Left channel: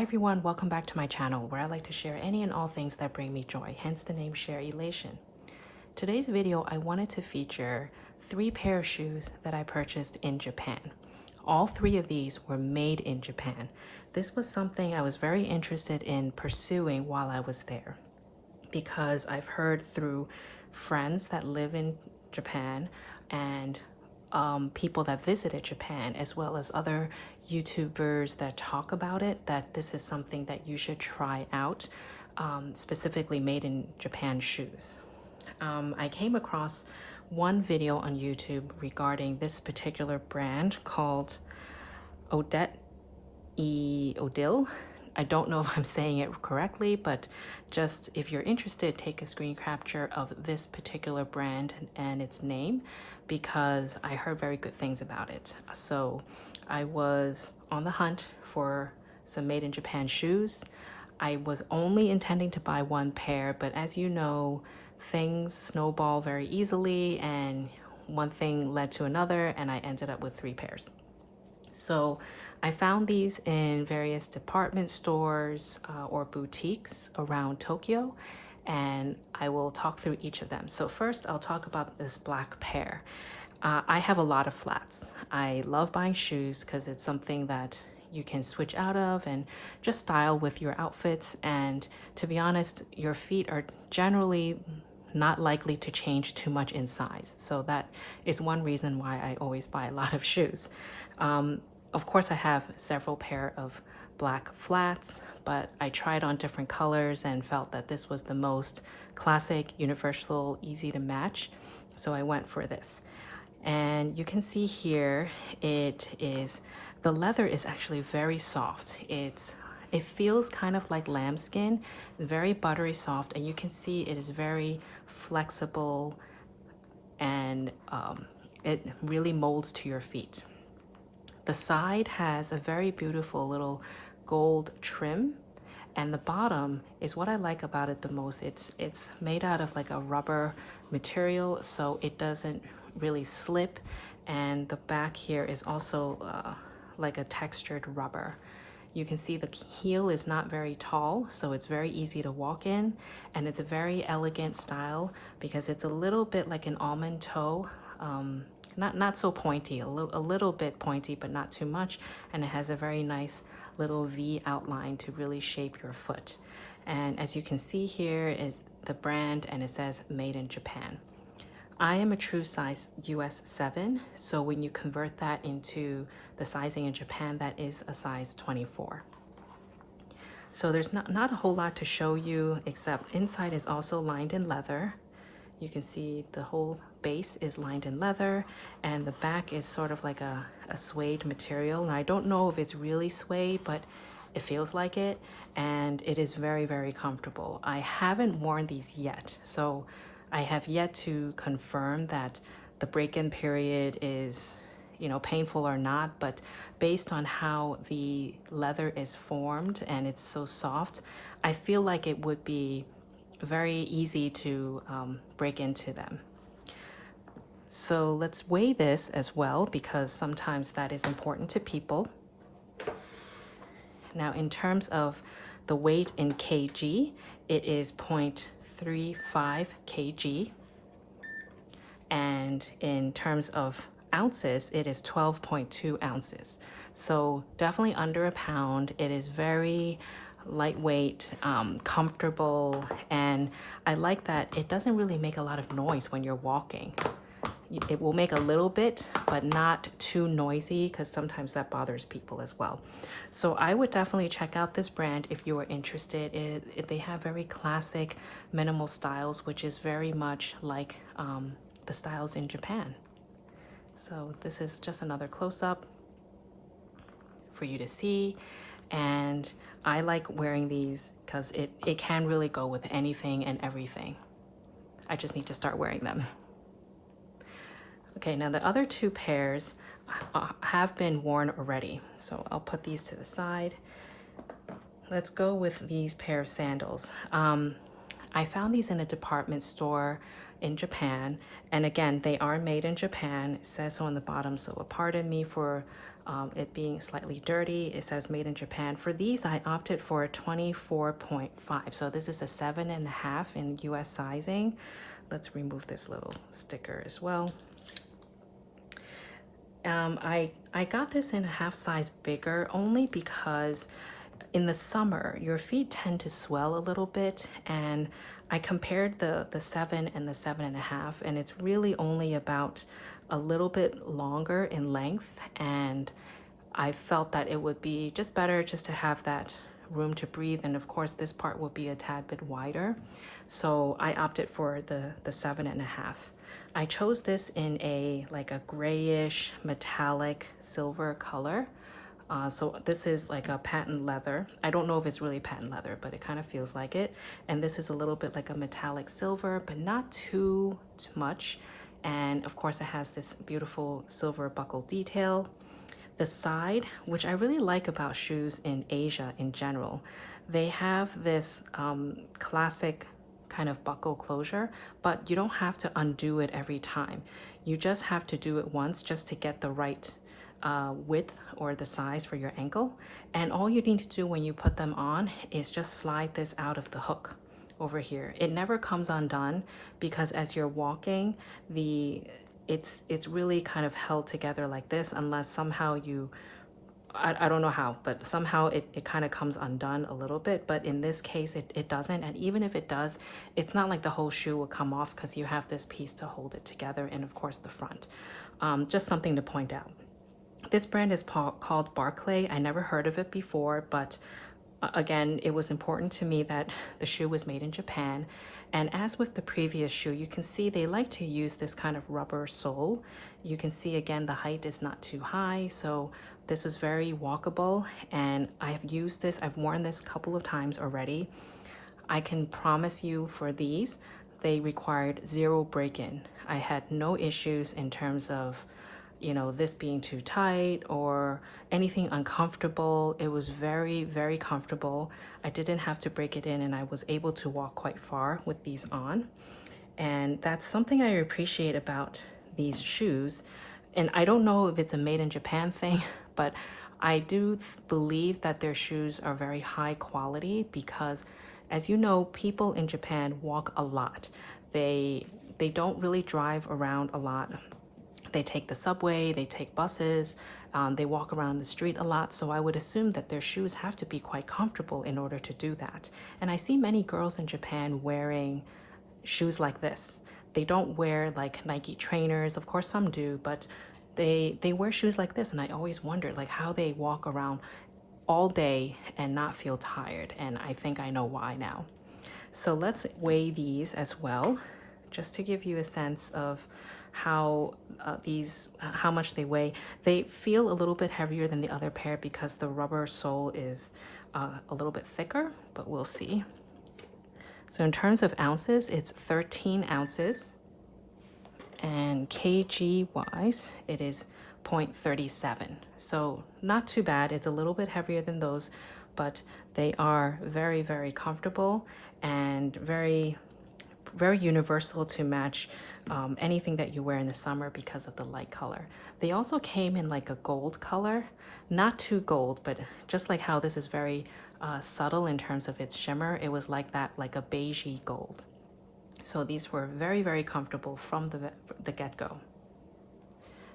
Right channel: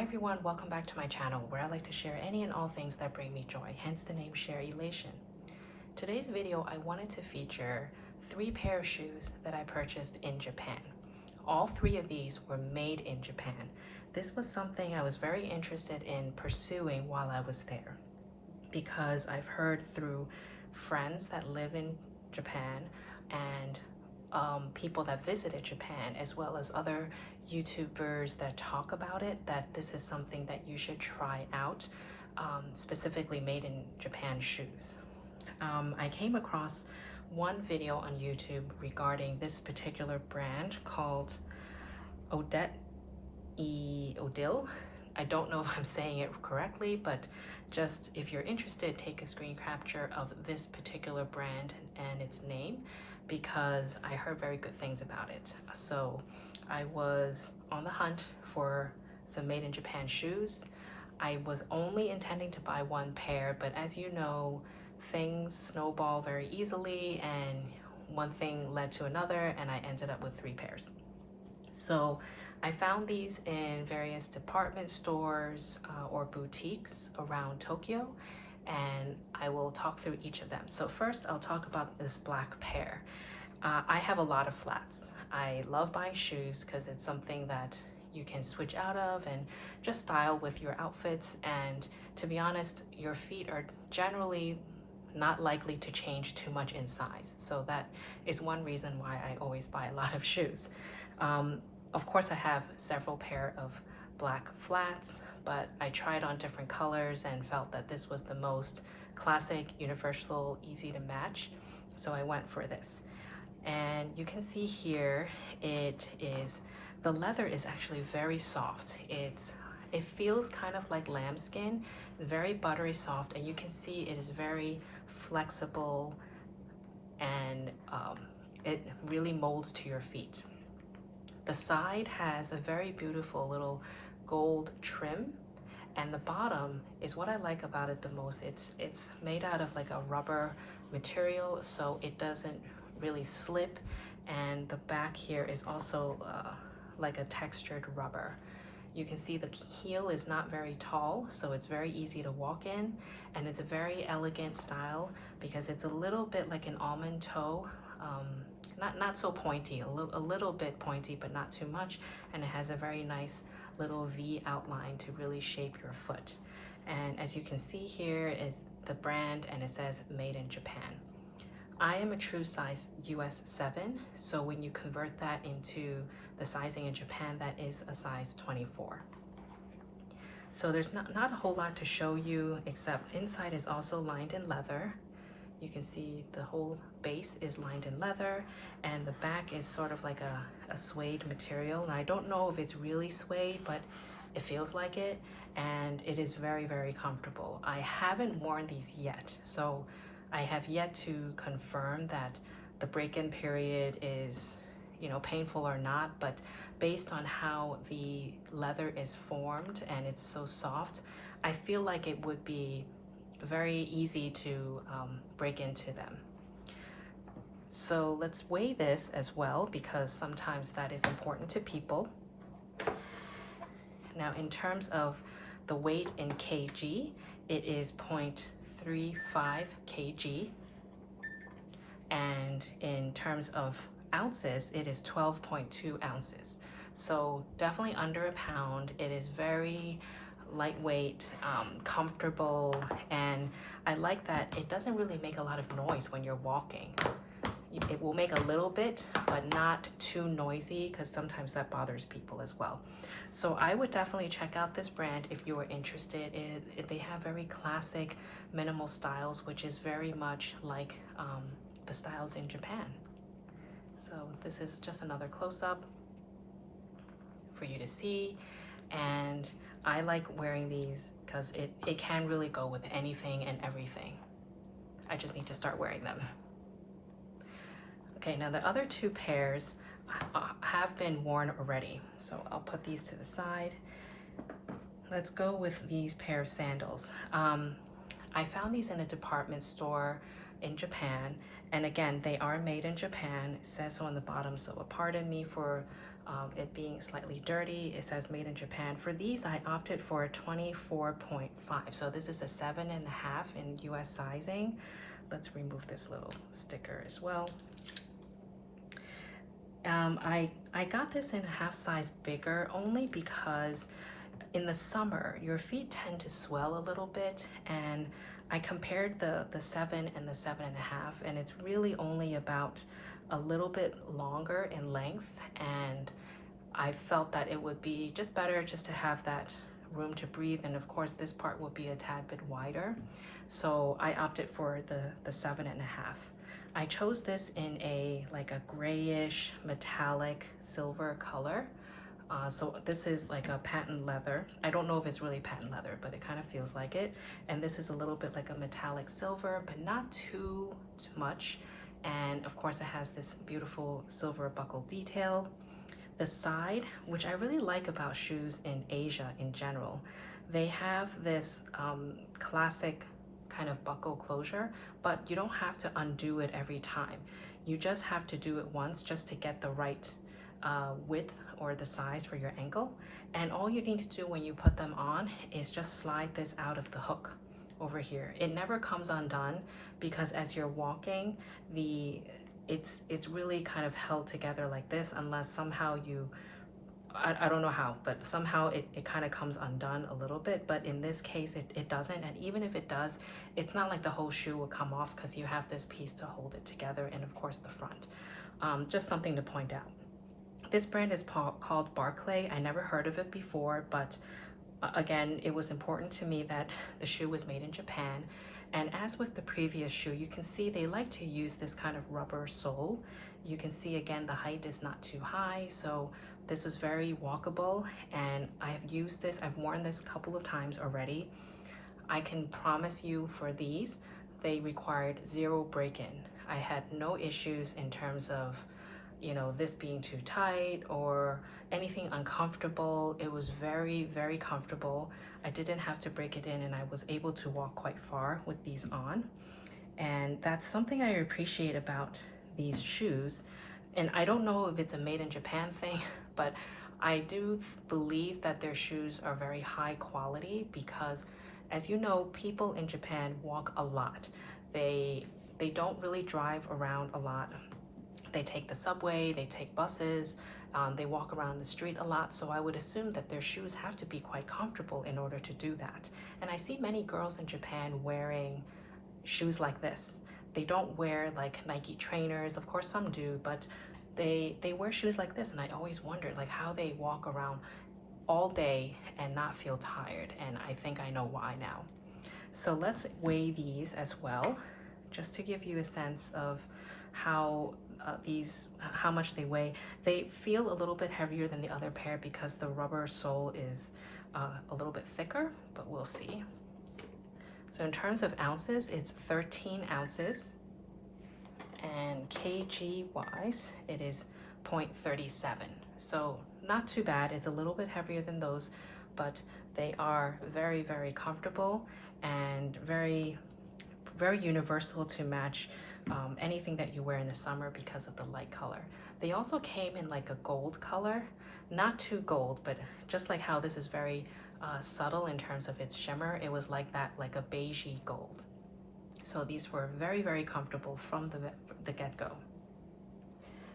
Hi everyone, welcome back to my channel where I like to share any and all things that bring me joy, hence the name Sharelation. Today's video, I wanted to feature 3 pair of shoes that I purchased in Japan. All 3 of these were made in Japan. This was something I was very interested in pursuing while I was there because I've heard through friends that live in Japan and people that visited Japan, as well as other YouTubers that talk about it, that this is something that you should try out, specifically made in Japan shoes. I came across one video on YouTube regarding this particular brand called Odette Odile. I don't know if I'm saying it correctly, but just if you're interested, take a screen capture of this particular brand and its name, because I heard very good things about it. So I was on the hunt for some made in Japan shoes. I was only intending to buy 1 pair, but as you know, things snowball very easily and one thing led to another and I ended up with 3 pairs. So I found these in various department stores or boutiques around Tokyo, and I will talk through each of them. So first I'll talk about this black pair. I have a lot of flats. I love buying shoes because it's something that you can switch out of and just style with your outfits. And to be honest, your feet are generally not likely to change too much in size. So that is one reason why I always buy a lot of shoes. Of course, I have several pair of black flats, but I tried on different colors and felt that this was the most classic, universal, easy to match. So I went for this. And you can see here, the leather is actually very soft. It feels kind of like lambskin, very buttery soft, and you can see it is very flexible and it really molds to your feet. The side has a very beautiful little gold trim, and the bottom is what I like about it the most. It's made out of like a rubber material, so it doesn't really slip, and the back here is also like a textured rubber. You can see the heel is not very tall, so it's very easy to walk in, and it's a very elegant style because it's a little bit like an almond toe. Not so pointy, a little bit pointy, but not too much. And it has a very nice little V outline to really shape your foot. And as you can see here is the brand, and it says made in Japan. I am a true size US 7, so when you convert that into the sizing in Japan, that is a size 24. So there's not a whole lot to show you, except inside is also lined in leather. You can see the whole base is lined in leather, and the back is sort of like a suede material. And I don't know if it's really suede, but it feels like it, and it is very, very comfortable. I haven't worn these yet, so I have yet to confirm that the break-in period is, painful or not, but based on how the leather is formed and it's so soft, I feel like it would be very easy to break into them. So let's weigh this as well, because sometimes that is important to people. Now, in terms of the weight in kg, it is 0.35 kg. And in terms of ounces, it is 12.2 ounces. So definitely under a pound. It is very lightweight, comfortable, and I like that it doesn't really make a lot of noise when you're walking. It will make a little bit, but not too noisy, because sometimes that bothers people as well. So I would definitely check out this brand if you are interested. They have very classic minimal styles, which is very much like the styles in Japan. So this is just another close-up for you to see, and I like wearing these because it can really go with anything and everything. I just need to start wearing them. Okay, now the other 2 pairs have been worn already, so I'll put these to the side. Let's go with these pair of sandals. I found these in a department store in Japan, and again, they are made in Japan. It says so on the bottom, so pardon me for it being slightly dirty. It says made in Japan. For these, I opted for a 24.5. So this is a 7.5 in US sizing. Let's remove this little sticker as well. I got this in a half size bigger only because in the summer your feet tend to swell a little bit, and I compared the 7 and the 7.5, and it's really only about a little bit longer in length, and I felt that it would be just better just to have that room to breathe, and of course this part will be a tad bit wider, so I opted for the 7.5. I chose this in a like a grayish metallic silver color. So this is like a patent leather. I don't know if it's really patent leather, but it kind of feels like it. And this is a little bit like a metallic silver, but not too much. And of course it has this beautiful silver buckle detail. The side, which I really like about shoes in Asia in general, they have this classic kind of buckle closure, but you don't have to undo it every time. You just have to do it once just to get the right width or the size for your ankle. And all you need to do when you put them on is just slide this out of the hook over here. It never comes undone because as you're walking, it's really kind of held together like this, unless somehow I don't know how, but somehow it kind of comes undone a little bit. But in this case, it doesn't. And even if it does, it's not like the whole shoe will come off because you have this piece to hold it together, and of course the front. Just something to point out. This brand is called Barclay. I never heard of it before, but again, it was important to me that the shoe was made in Japan. And as with the previous shoe, you can see they like to use this kind of rubber sole. You can see again, the height is not too high, so this was very walkable, and I've used this, I've worn this a couple of times already. I can promise you for these, they required 0 break-in. I had no issues in terms of, you know, this being too tight or anything uncomfortable. It was very, very comfortable. I didn't have to break it in, and I was able to walk quite far with these on. And that's something I appreciate about these shoes. And I don't know if it's a made in Japan thing, but I do believe that their shoes are very high quality because, as you know, people in Japan walk a lot. They don't really drive around a lot. They take the subway, they take buses, they walk around the street a lot, so I would assume that their shoes have to be quite comfortable in order to do that. And I see many girls in Japan wearing shoes like this. They don't wear like Nike trainers, of course some do, but they wear shoes like this, and I always wondered like how they walk around all day and not feel tired, and I think I know why now. So let's weigh these as well, just to give you a sense of how how much they weigh. They feel a little bit heavier than the other pair because the rubber sole is a little bit thicker, but we'll see. So in terms of ounces, it's 13 ounces, and kg wise, it is 0.37. So not too bad. It's a little bit heavier than those, but they are very, very comfortable and very, very universal to match anything that you wear in the summer because of the light color. They also came in like a gold color, not too gold, but just like how this is very subtle in terms of its shimmer, it was like that, like a beigey gold. So these were very, very comfortable from the get-go.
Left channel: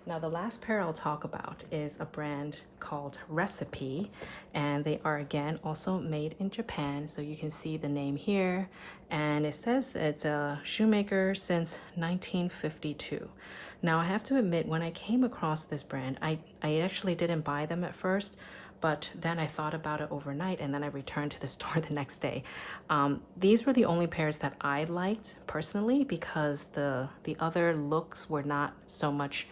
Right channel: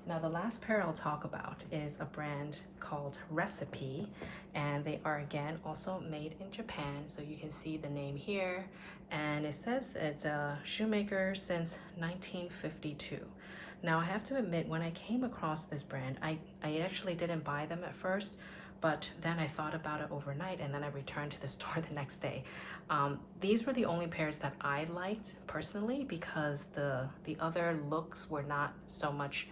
Now the last pair I'll talk about is a brand called Recipe, and they are again also made in Japan. So you can see the name here, and it says that it's a shoemaker since 1952. Now I have to admit, when I came across this brand, I actually didn't buy them at first, but then I thought about it overnight, and then I returned to the store the next day. These were the only pairs that I liked personally because the other looks were not so much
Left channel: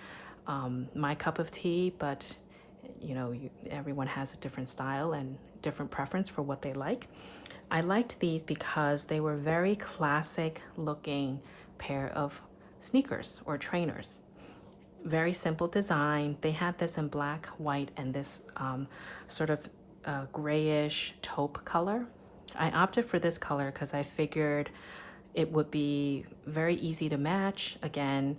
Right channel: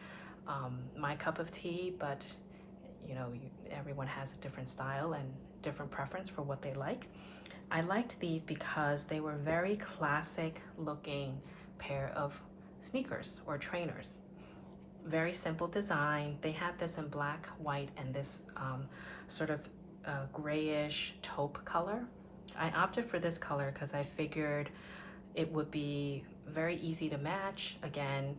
my cup of tea, but you know, everyone has a different style and different preference for what they like. I liked these because they were very classic looking pair of sneakers or trainers. Very simple design. They had this in black, white, and this sort of grayish taupe color. I opted for this color because I figured it would be very easy to match. Again,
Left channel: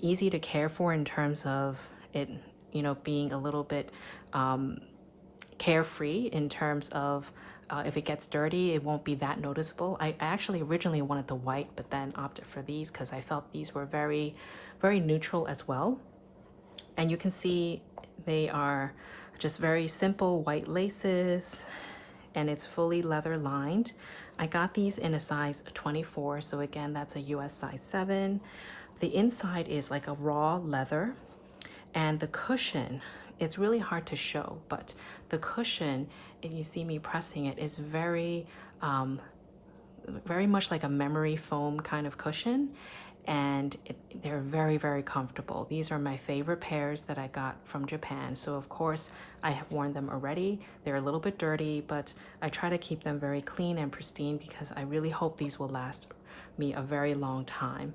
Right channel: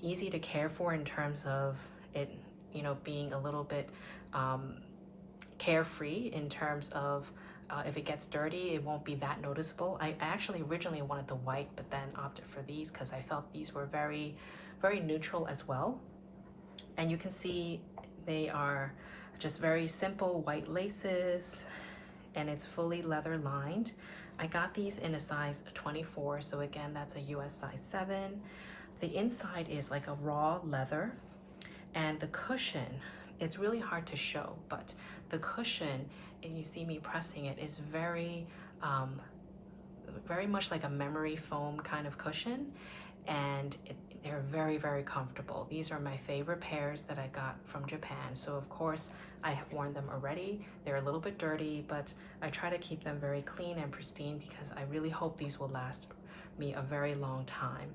easy to care for in terms of it you know, being a little bit carefree in terms of if it gets dirty, it won't be that noticeable. I actually originally wanted the white, but then opted for these because I felt these were very, very neutral as well. And you can see they are just very simple white laces, and it's fully leather lined. I got these in a size 24, so again, that's a US size 7. The inside is like a raw leather, and the cushion, it's really hard to show, but the cushion, and you see me pressing it, is very very much like a memory foam kind of cushion, and they're very, very comfortable. These are my favorite pairs that I got from Japan, so of course I have worn them already. They're a little bit dirty, but I try to keep them very clean and pristine because I really hope these will last me a very long time.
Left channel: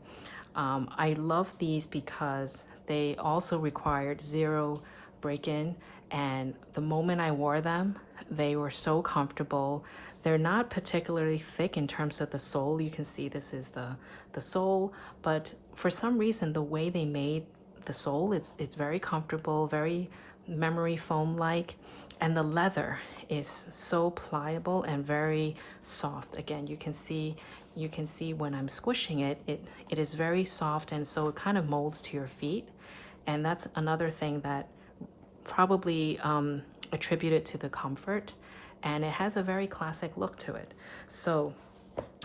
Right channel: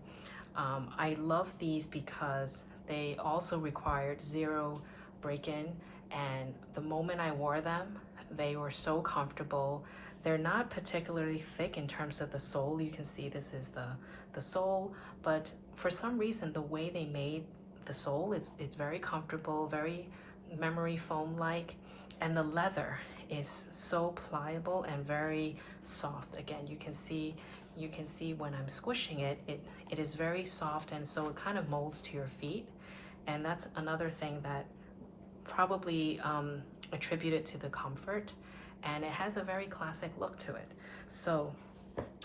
I love these because they also required 0 break-in, and the moment I wore them, they were so comfortable. They're not particularly thick in terms of the sole. You can see this is the sole, but for some reason, the way they made the sole, it's very comfortable, very memory foam-like, and the leather is so pliable and very soft. Again, you can see when I'm squishing it, it is very soft, and so it kind of molds to your feet. And that's another thing that probably attributed to the comfort, and it has a very classic look to it. So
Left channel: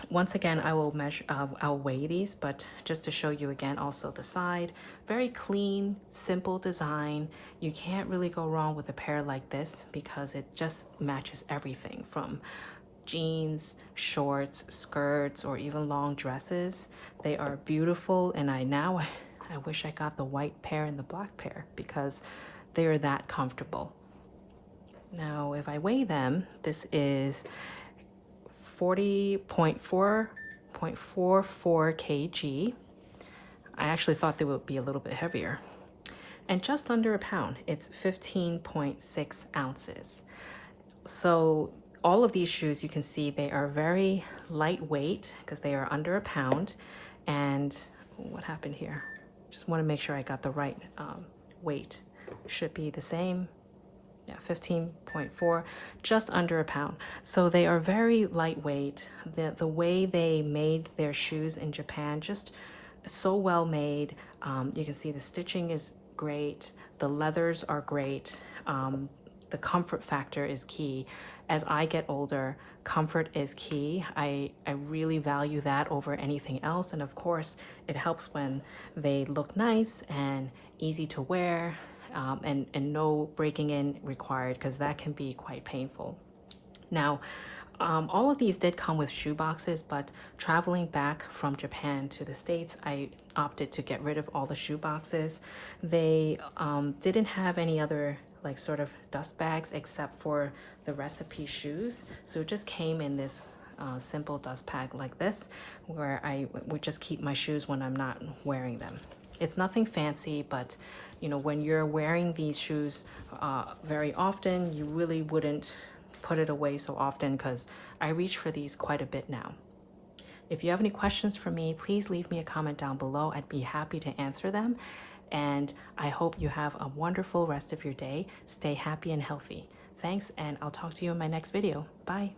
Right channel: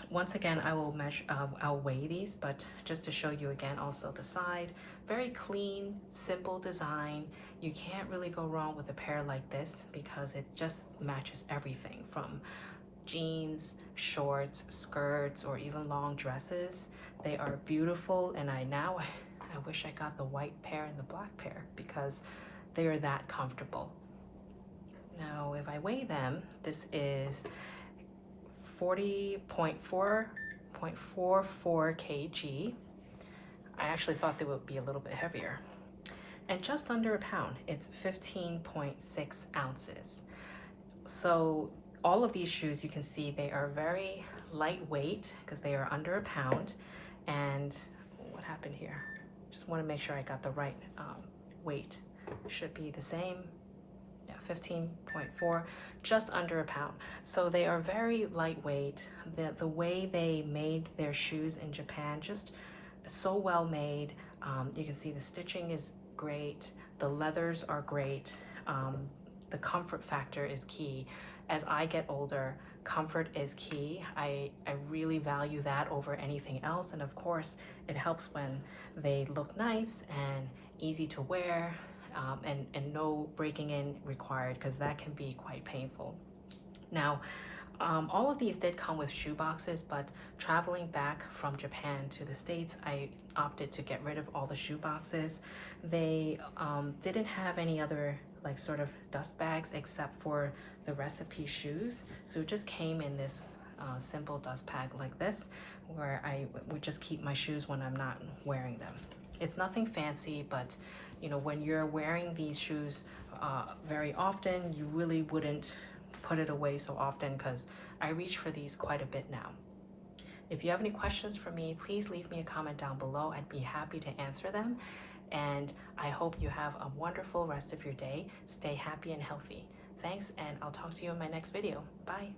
once again, I will measure, I'll weigh these, but just to show you again, also the side, very clean, simple design. You can't really go wrong with a pair like this because it just matches everything from jeans, shorts, skirts, or even long dresses. They are beautiful, and I wish I got the white pair and the black pair because they're that comfortable. Now, if I weigh them, this is 40.44 kg. I actually thought they would be a little bit heavier. And just under a pound, it's 15.6 ounces. So all of these shoes, you can see they are very lightweight because they are under a pound. And what happened here? Just want to make sure I got the right weight. Should be the same. Yeah, 15.4, just under a pound. So they are very lightweight. The way they made their shoes in Japan, just so well made. You can see the stitching is great. The leathers are great. The comfort factor is key. As I get older, comfort is key. I really value that over anything else. And of course, it helps when they look nice and easy to wear. And no breaking in required, because that can be quite painful. Now, all of these did come with shoe boxes, but traveling back from Japan to the States, I opted to get rid of all the shoe boxes. They didn't have any other like sort of dust bags except for the recipe shoes. So it just came in this simple dust bag like this, where I would just keep my shoes when I'm not wearing them. It's nothing fancy, but you know, when you're wearing these shoes very often, you really wouldn't put it away so often, because I reach for these quite a bit now. If you have any questions for me, please leave me a comment down below. I'd be happy to answer them. And I hope you have a wonderful rest of your day. Stay happy and healthy. Thanks, and I'll talk to you in my next video. Bye.